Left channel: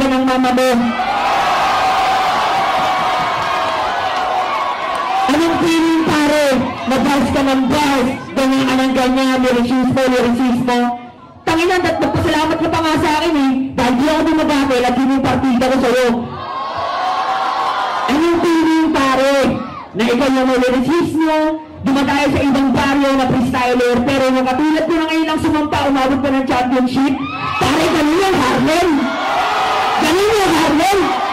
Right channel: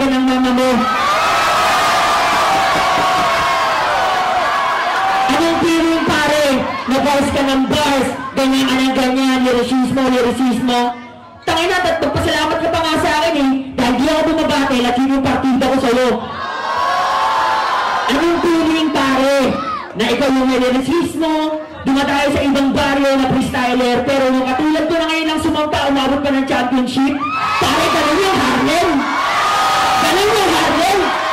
talaga ng mama mo. Anong feeling pare? Nabars ka ng bars, ganyan ka ng ganyan, niresismo. Tangina, magpasalamat ka pa nga sa akin eh. Dahil di ako dumabatil at yun yung partida ko sa'yo. Anong feeling pare? Na ikaw yung niresismo, dumatay sa ibang baryo na freestyler, pero yung katulad ko na ngayon ang sumampa, umabot pa ng championship. Pare, ganun yung Harlem! Ganun yung Harlem!